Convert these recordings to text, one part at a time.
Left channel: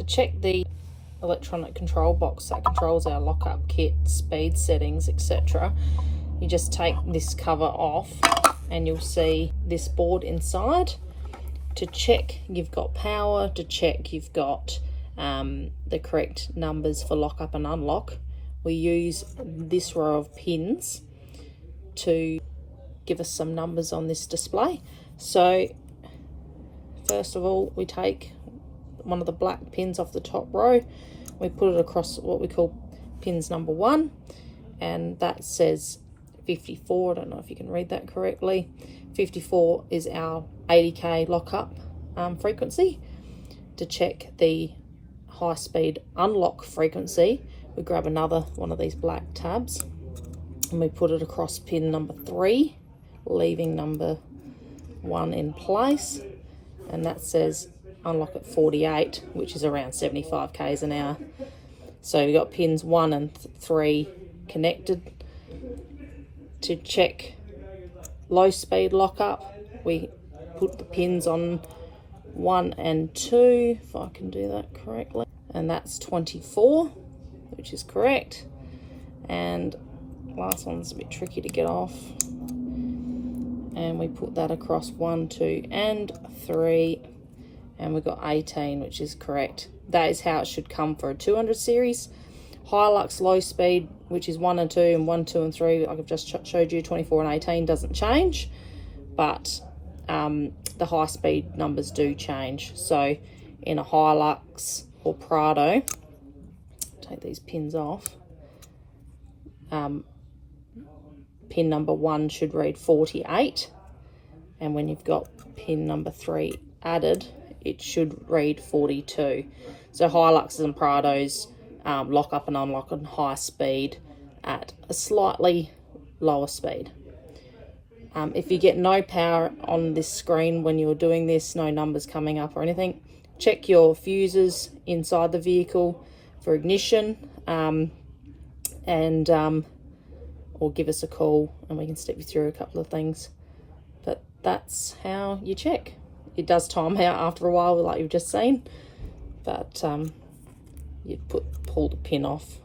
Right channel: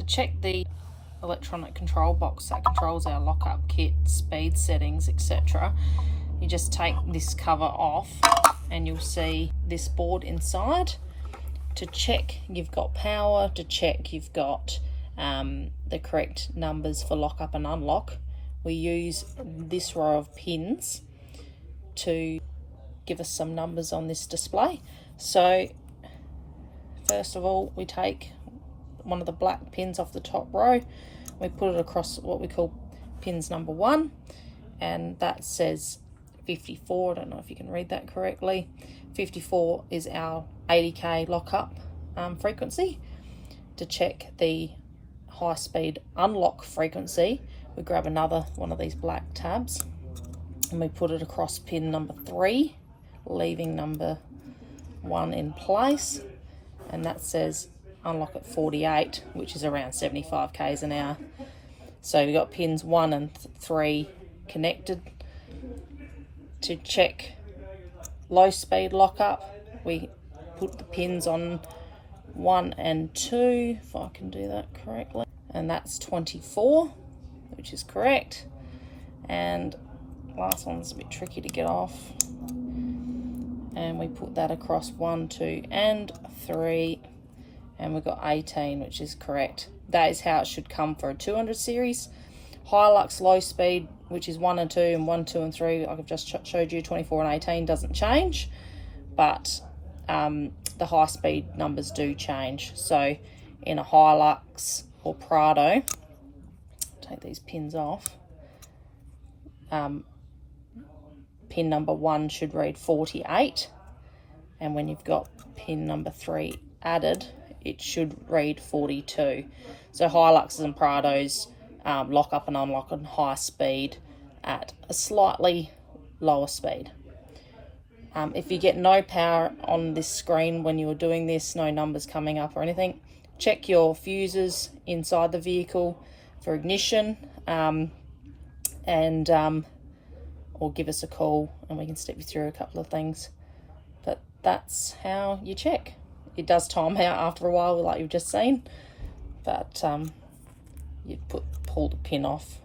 To check the electronic control box that controls our lockup kit, speed settings, etc., you just take this cover off and you'll see this board inside. To check you've got power, to check you've got the correct numbers for lockup and unlock, we use this row of pins to give us some numbers on this display. So first of all, we take one of the black pins off the top row, we put it across what we call pins number 1, and that says 54. I don't know if you can read that correctly. 54 is our 80k lockup frequency. To check the high speed unlock frequency, we grab another one of these black tabs and we put it across pin number 3, leaving number 1 in place, and that says unlock at 48, which is around 75 k's an hour. So we've got pins 1 and 3 connected. To check low speed lockup, we put the pins on 1 and 2, if I can do that correctly, and that's 24, which is correct. And last one's a bit tricky to get off, and we put that across 1, 2 and 3, and we've got 18, which is correct. That is how it should come for a 200 series. Hilux low speed, which is 1 and 2 and 1, 2 and 3, like I've just showed you, 24 and 18 doesn't change, but the high speed numbers do change. So in a Hilux or Prado, take these pins off, pin number 1 should read 48, and when you've got pin number 3 added, it should read 42. So Hiluxes and Prados lock up and unlock on high speed at a slightly lower speed. If you get no power on this screen when you're doing this, no numbers coming up or anything, check your fuses inside the vehicle for ignition, or give us a call and we can step you through a couple of things. But that's how you check. It does time out after a while, like you've just seen, but you pull the pin off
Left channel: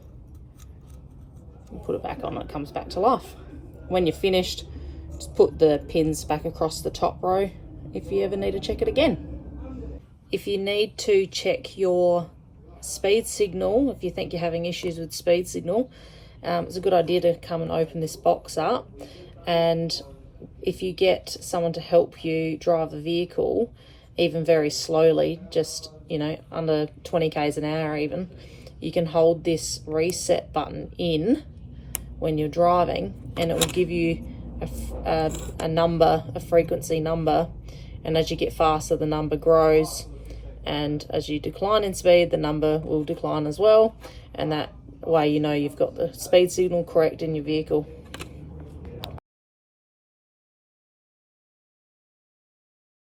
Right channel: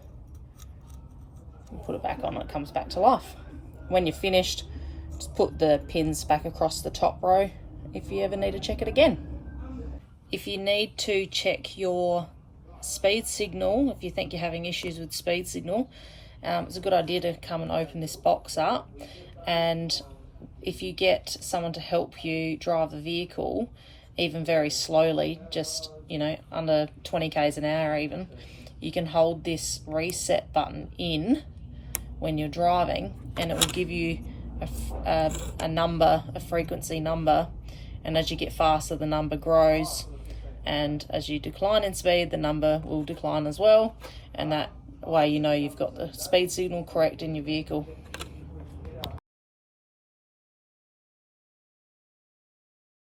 and put it back on, it comes back to life. When you're finished, just put the pins back across the top row if you ever need to check it again. If you need to check your speed signal, if you think you're having issues with speed signal, it's a good idea to come and open this box up, and if you get someone to help you drive the vehicle, even very slowly, just, you know, under 20 k's an hour even, you can hold this reset button in when you're driving, and it will give you a number, a frequency number, and as you get faster the number grows, and as you decline in speed the number will decline as well, and that way you know you've got the speed signal correct in your vehicle.